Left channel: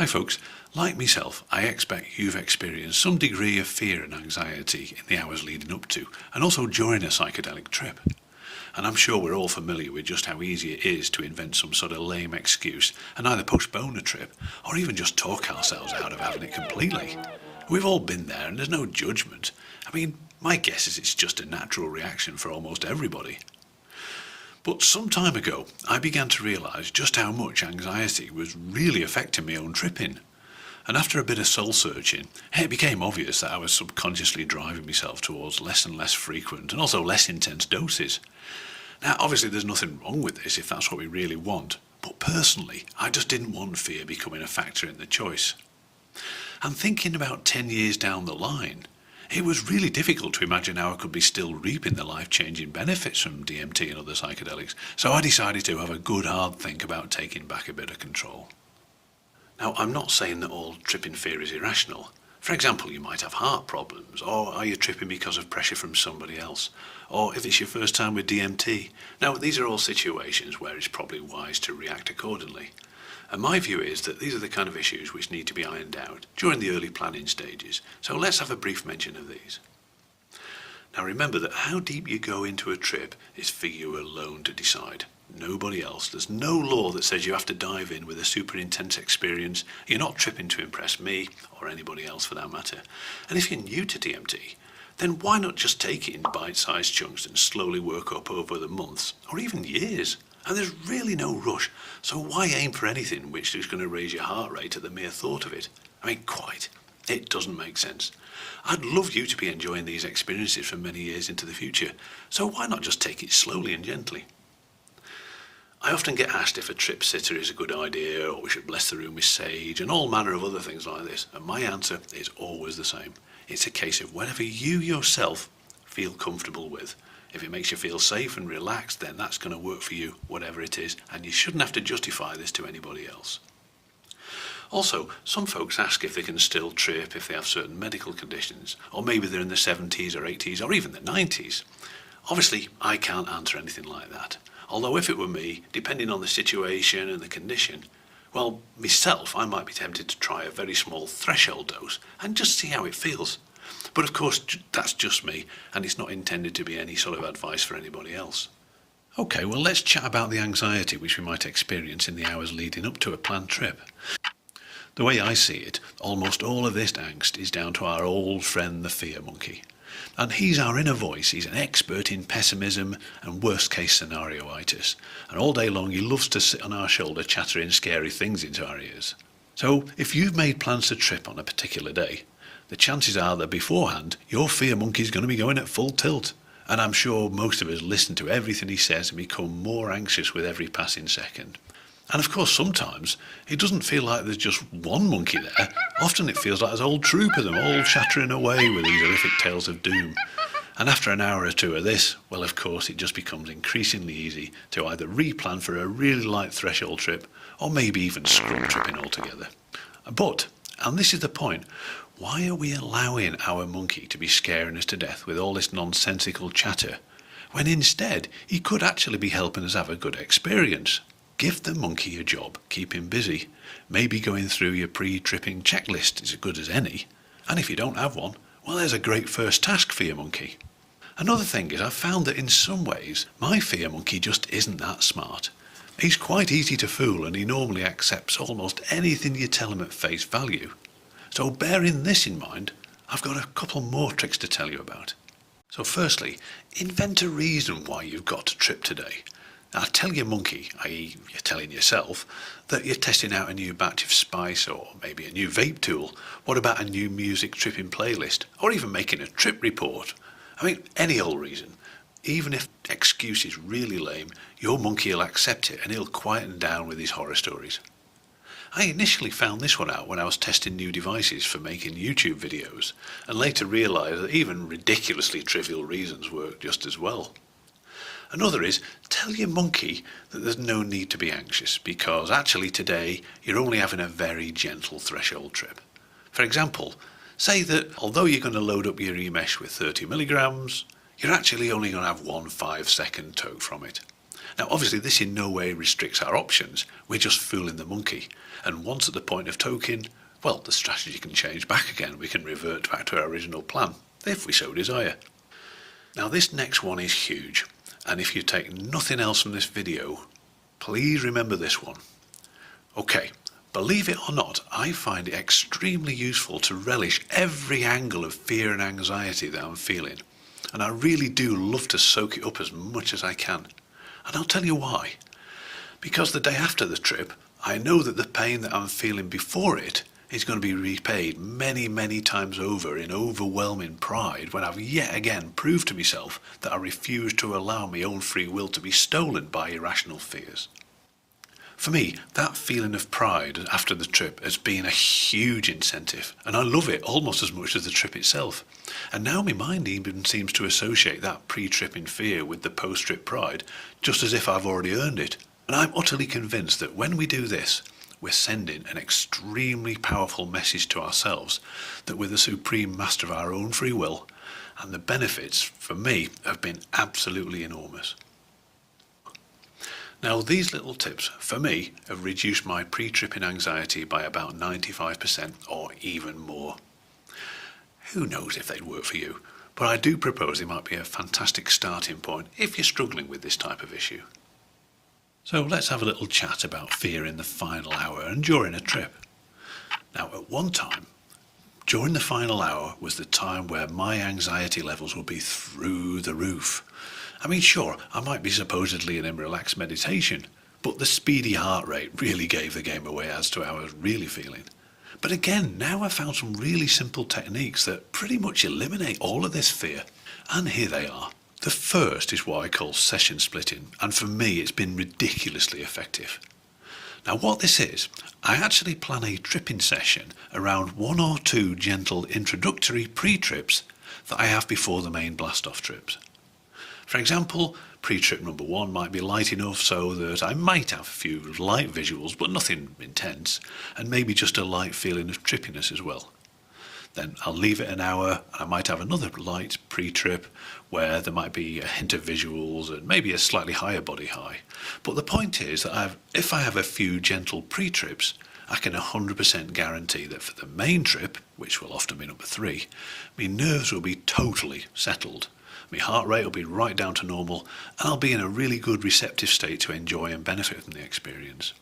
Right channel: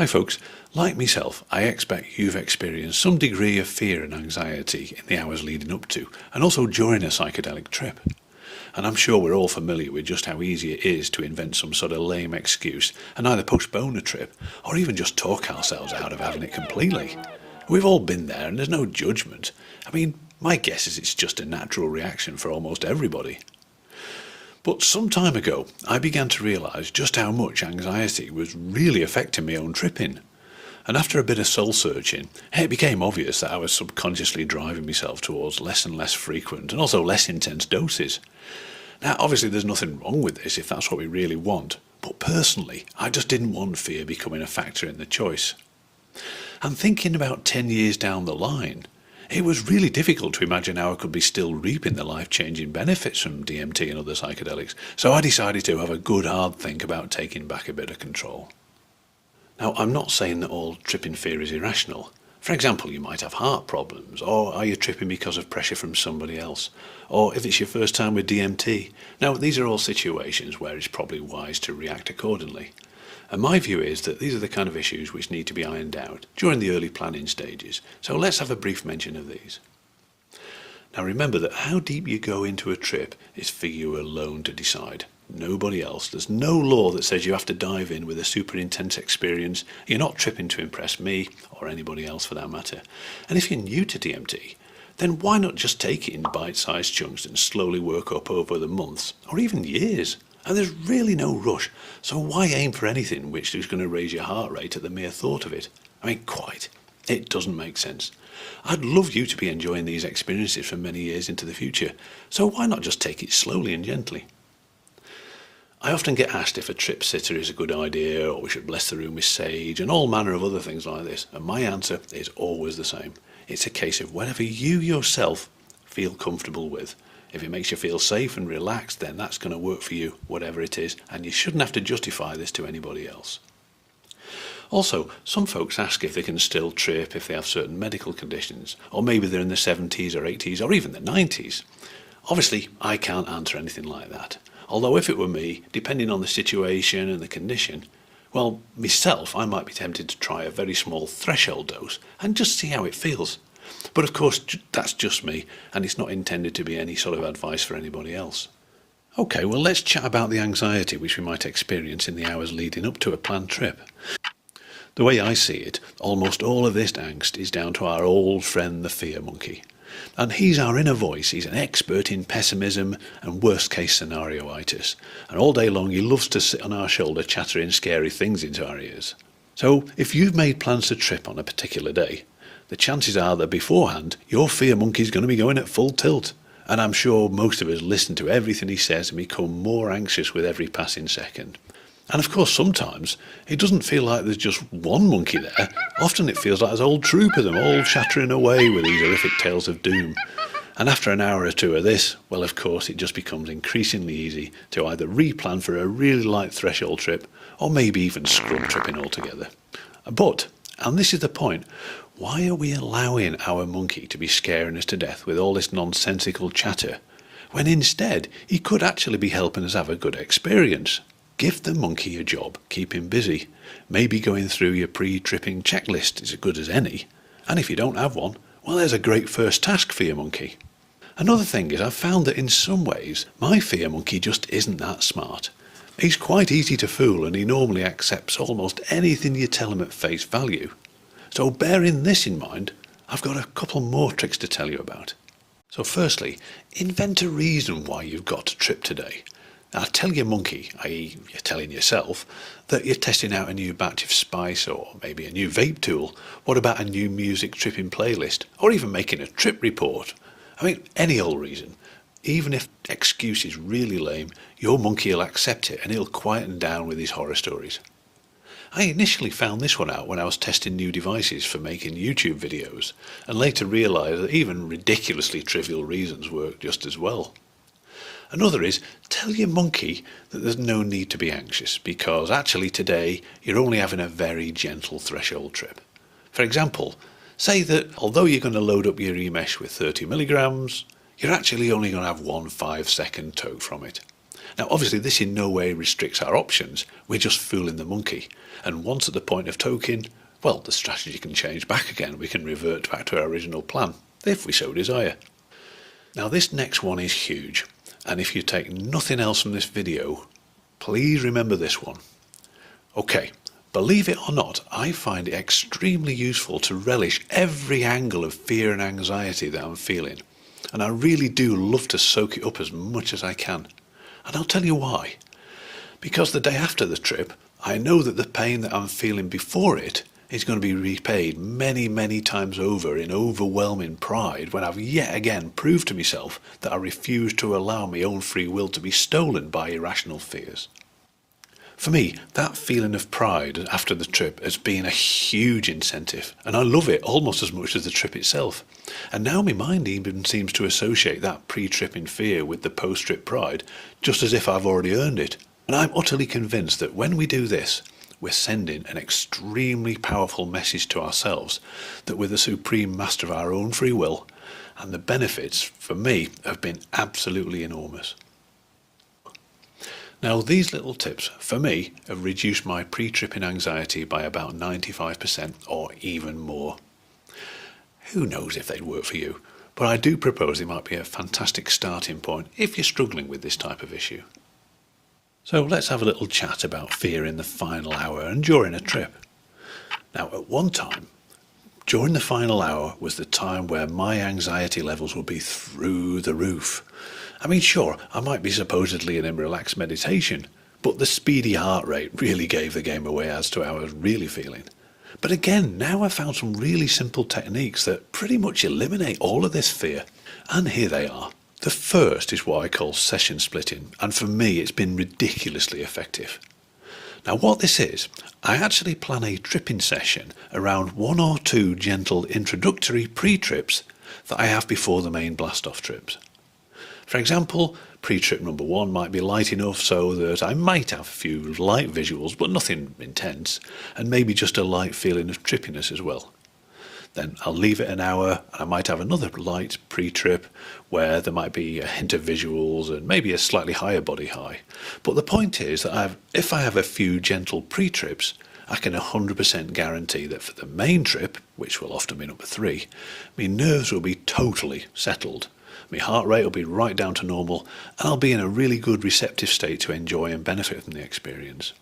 Hi folks, like myself, I expect you've experienced some degree of fear and anxiety in the hours leading up to, and also during a psychedelic trip. And I'm sure we're all familiar with just how easy it is to invent some sort of lame excuse and either postpone a trip, or even just talk ourselves out of having it completely. We've all been there and there's no judgment. I mean, my guess is it's just a natural reaction for almost everybody. But some time ago, I began to realise just how much anxiety was really affecting my own tripping. And after a bit of soul-searching, it became obvious that I was subconsciously driving myself towards less and less frequent and also less intense doses. Now, obviously there's nothing wrong with this if that's what we really want, but personally, I just didn't want fear becoming a factor in the choice. And thinking about 10 years down the line, it was really difficult to imagine how I could be still reaping the life-changing benefits from DMT and other psychedelics, so I decided to have a good hard think about taking back a bit of control. Now, I'm not saying that all tripping fear is irrational. For example, you might have heart problems, or are you tripping because of pressure from somebody else, or if it's your first time with DMT. Now, these are all situations where it's probably wise to react accordingly. And my view is that these are the kind of issues which need to be ironed out during the early planning stages, so let's have a brief mention of these. Now remember that how deep you go into a trip is for you alone to decide. Nobody else. There's no law that says you have to dive in with a super intense experience. You're not tripping to impress me, or anybody else for that matter. And if you're new to DMT, then why not just take it in bite-sized chunks and slowly work up over the months, or even years? And there's really no rush, so why aim for anything which is going to raise your heart rate at the mere thought of it? I mean, quite. It doesn't make sense. I'd love you to be enjoying these experiences for many years into the future, so why not just take it slowly and gently? I often get asked if a trip sitter is a good idea, or we should bless the room with sage, and all manner of other things like this, and my answer is always the same. It's a case of whatever you yourself feel comfortable with. If it makes you feel safe and relaxed, then that's going to work for you, whatever it is, and you shouldn't have to justify this to anybody else. Also, some folks ask if they can still trip if they have certain medical conditions, or maybe they're in the 70s or 80s or even the 90s. Obviously, I can't answer anything like that. Although if it were me, depending on the situation and the condition, well, myself, I might be tempted to try a very small threshold dose and just see how it feels. But of course, that's just me, and it's not intended to be any sort of advice for anybody else. Okay, well, let's chat about the anxiety which we might experience in the hours leading up to a planned trip. The way I see it, almost all of this angst is down to our old friend the fear monkey. And he's our inner voice. He's an expert in pessimism and worst-case scenario-itis. And all day long he loves to sit on our shoulder chattering scary things into our ears. So if you've made plans to trip on a particular day, the chances are that beforehand your fear monkey's going to be going at full tilt. And I'm sure most of us listen to everything he says and become more anxious with every passing second. And of course sometimes it doesn't feel like there's just one monkey there. Often it feels like there's a whole troop of them all chattering away with these horrific tales of doom. And after an hour or two of this, well, of course it just becomes increasingly easy to either replan for a really light threshold trip, or maybe even scrum tripping altogether. But, and this is the point, why are we allowing our monkey to be scaring us to death with all this nonsensical chatter, when instead he could actually be helping us have a good experience? Give the monkey a job, keep him busy. Maybe going through your pre-tripping checklist is as good as any. And if you don't have one, well, there's a great first task for your monkey. Another thing is I've found that in some ways my fear monkey just isn't that smart. He's quite easy to fool, and he normally accepts almost anything you tell him at face value. So bearing this in mind, I've got a couple more tricks to tell you about. So firstly, invent a reason why you've got to trip today. Now tell your monkey, i.e. you're telling yourself, that you're testing out a new batch of spice or maybe a new vape tool. What about a new music tripping playlist? Or even making a trip report? I mean, any old reason. Even if the excuse is really lame, your monkey will accept it and he'll quieten down with his horror stories. I initially found this one out when I was testing new devices for making YouTube videos, and later realised that even ridiculously trivial reasons work just as well. Another is, tell your monkey that there's no need to be anxious, because actually today you're only having a very gentle threshold trip. For example, say that although you're going to load up your e-mesh with 30 milligrams, you're actually only going to have one 5-second toke from it. Now obviously this in no way restricts our options, we're just fooling the monkey. And once at the point of toking, well, the strategy can change back again. We can revert back to our original plan, if we so desire. Now this next one is huge, and if you take nothing else from this video, please remember this one. Okay, believe it or not, I find it extremely useful to relish every angle of fear and anxiety that I'm feeling, and I really do love to soak it up as much as I can. And I'll tell you why. Because the day after the trip, I know that the pain that I'm feeling before it is going to be repaid many, many times over in overwhelming pride when I've yet again proved to myself that I refuse to allow my own free will to be stolen by irrational fears. For me, that feeling of pride after the trip has been a huge incentive, and I love it almost as much as the trip itself. And now my mind even seems to associate that pre-tripping fear with the post-trip pride, just as if I've already earned it. And I'm utterly convinced that when we do this, we're sending an extremely powerful message to ourselves that we're the supreme master of our own free will, and the benefits, for me, have been absolutely enormous. Now, these little tips, for me, have reduced my pre-tripping anxiety by about 95% or even more. Who knows if they'd work for you, but I do propose they might be a fantastic starting point if you're struggling with this type of issue. So let's have a little chat about fear in the final hour and during a trip. Now, at one time, during the final hour was the time where my anxiety levels would be through the roof. I mean, sure, I might be supposedly in a relaxed meditation, but the speedy heart rate really gave the game away as to how I was really feeling. But again, now I've found some really simple techniques that pretty much eliminate all of this fear. And here they are. The first is what I call session splitting, and for me it's been ridiculously effective. Now what this is, I actually plan a tripping session around 1 or 2 gentle introductory pre-trips that I have before the main blast-off trips. For example, pre-trip number 1 might be light enough so that I might have a few light visuals, but nothing intense, and maybe just a light feeling of trippiness as well. Then I'll leave it an hour and I might have another light pre-trip where there might be a hint of visuals and maybe a slightly higher body high. But the point is that if I have a few gentle pre-trips, I can 100% guarantee that for the main trip, which will often be number 3, my nerves will be totally settled. My heart rate will be right down to normal and I'll be in a really good receptive state to enjoy and benefit from the experience.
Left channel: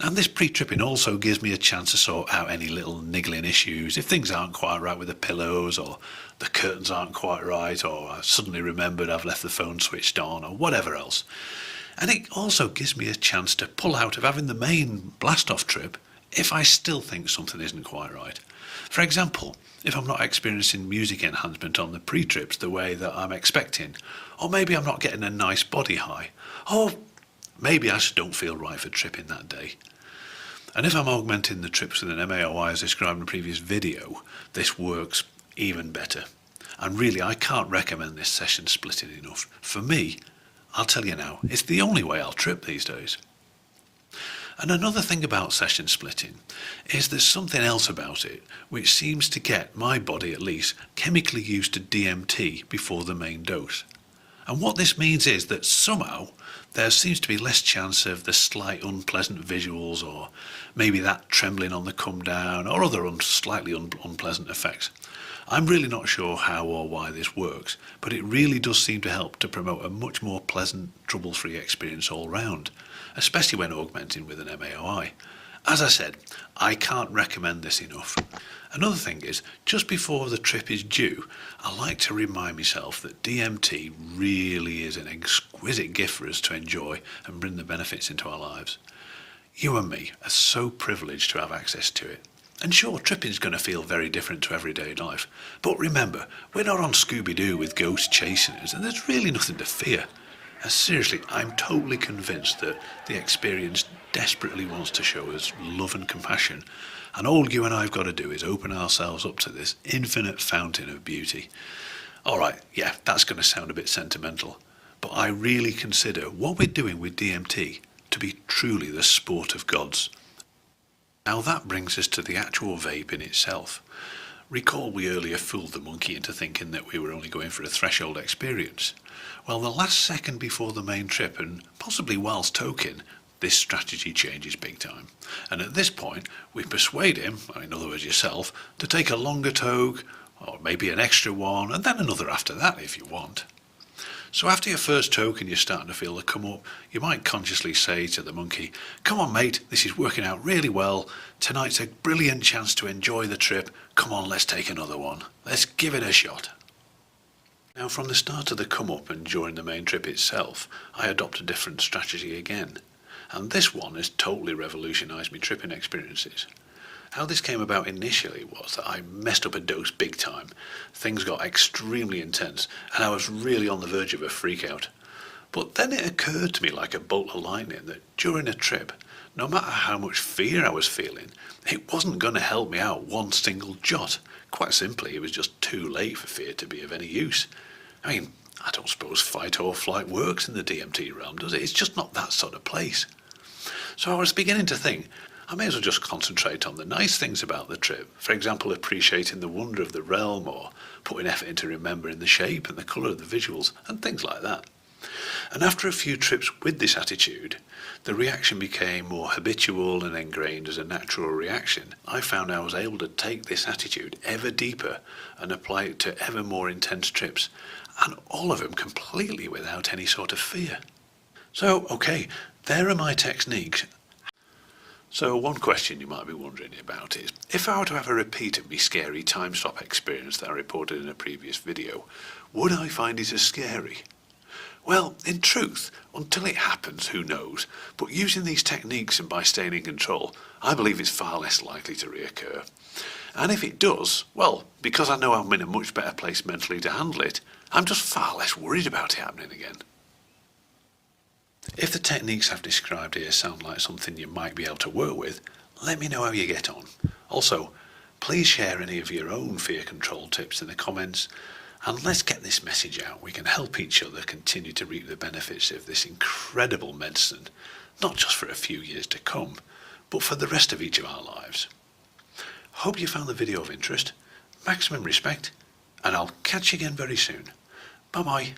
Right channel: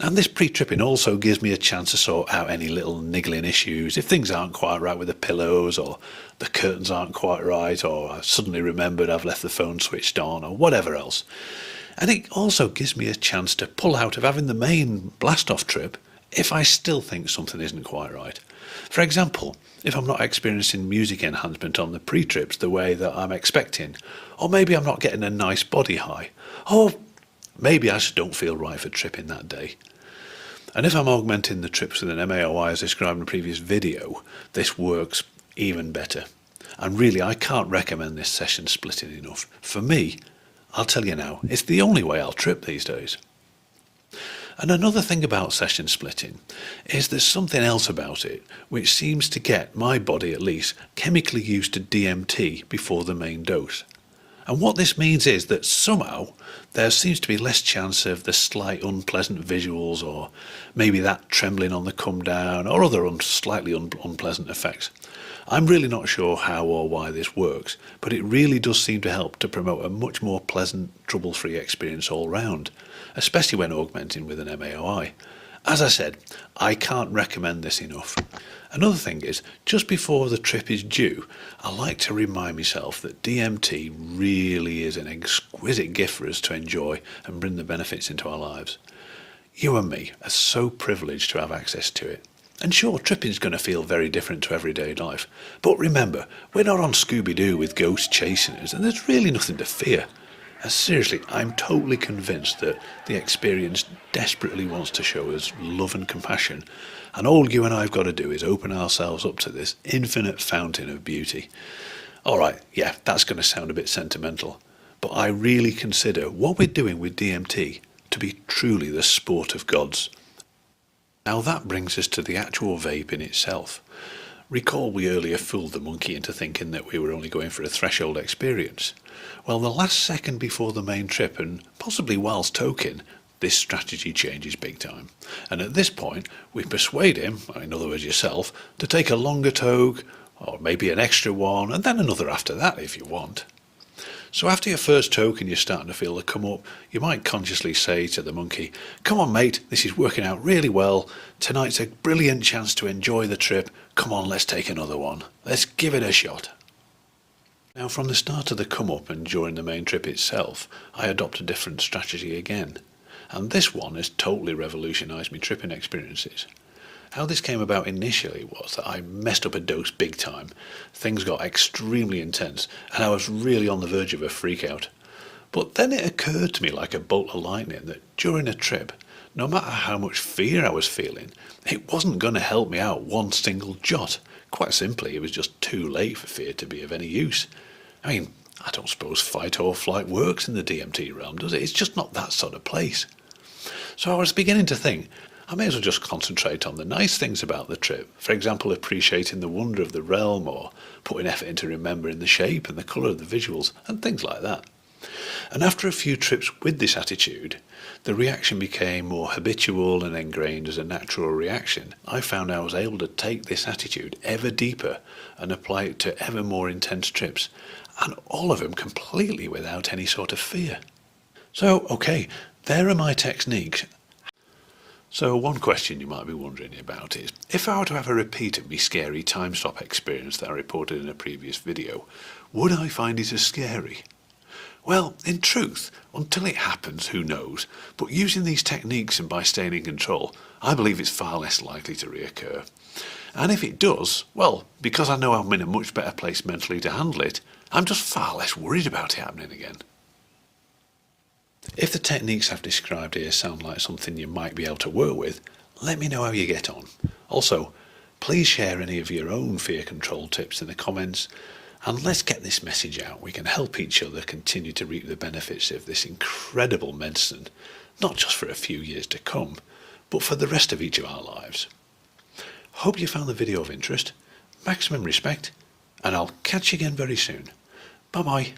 And this pre-tripping also gives me a chance to sort out any little niggling issues. If things aren't quite right with the pillows, or the curtains aren't quite right, or I suddenly remembered I've left the phone switched on, or whatever else. And it also gives me a chance to pull out of having the main blast-off trip if I still think something isn't quite right. For example, if I'm not experiencing music enhancement on the pre-trips the way that I'm expecting, or maybe I'm not getting a nice body high, or maybe I just don't feel right for tripping that day. And if I'm augmenting the trips with an MAOI as described in the previous video, this works even better. And really, I can't recommend this session splitting enough. For me, I'll tell you now, it's the only way I'll trip these days. And another thing about session splitting is there's something else about it which seems to get my body at least chemically used to DMT before the main dose. And what this means is that somehow there seems to be less chance of the slight unpleasant visuals, or maybe that trembling on the come down, or other slightly unpleasant effects. I'm really not sure how or why this works, but it really does seem to help to promote a much more pleasant, trouble-free experience all round, especially when augmenting with an MAOI. As I said, I can't recommend this enough. Another thing is, just before the trip is due, I like to remind myself that DMT really is an exquisite gift for us to enjoy and bring the benefits into our lives. You and me are so privileged to have access to it. And sure, tripping's going to feel very different to everyday life, but remember, we're not on Scooby-Doo with ghosts chasing us, and there's really nothing to fear. And seriously, I'm totally convinced that the experience desperately wants to show us love and compassion, and all you and I have got to do is open ourselves up to this infinite fountain of beauty. Alright, yeah, that's going to sound a bit sentimental, but I really consider what we're doing with DMT to be truly the sport of gods. Now that brings us to the actual vape in itself. Recall we earlier fooled the monkey into thinking that we were only going for a threshold experience. Well, the last second before the main trip, and possibly whilst toking, this strategy changes big time. And at this point, we persuade him, in other words yourself, to take a longer toke, or maybe an extra one, and then another after that if you want. So after your first toke and you're starting to feel the come up, you might consciously say to the monkey, "Come on mate, this is working out really well. Tonight's a brilliant chance to enjoy the trip. Come on, let's take another one. Let's give it a shot." Now from the start of the come up and during the main trip itself, I adopt a different strategy again. And this one has totally revolutionised my tripping experiences. How this came about initially was that I messed up a dose big time. Things got extremely intense and I was really on the verge of a freak out. But then it occurred to me like a bolt of lightning that during a trip, no matter how much fear I was feeling, it wasn't going to help me out one single jot. Quite simply, it was just too late for fear to be of any use. I mean, I don't suppose fight or flight works in the DMT realm, does it? It's just not that sort of place. So I was beginning to think, I may as well just concentrate on the nice things about the trip. For example, appreciating the wonder of the realm, or putting effort into remembering the shape and the colour of the visuals, and things like that. And after a few trips with this attitude, the reaction became more habitual and ingrained as a natural reaction. I found I was able to take this attitude ever deeper and apply it to ever more intense trips, and all of them completely without any sort of fear. So, okay, there are my techniques. So one question you might be wondering about is, if I were to have a repeat of my scary time stop experience that I reported in a previous video, would I find it as scary? Well, in truth, until it happens, who knows, but using these techniques and by staying in control, I believe it's far less likely to reoccur. And if it does, well, because I know I'm in a much better place mentally to handle it, I'm just far less worried about it happening again. If the techniques I've described here sound like something you might be able to work with, let me know how you get on. Also, please share any of your own fear control tips in the comments, and let's get this message out. We can help each other continue to reap the benefits of this incredible medicine, not just for a few years to come, but for the rest of each of our lives. Hope you found the video of interest. Maximum respect, and I'll catch you again very soon. Bye bye.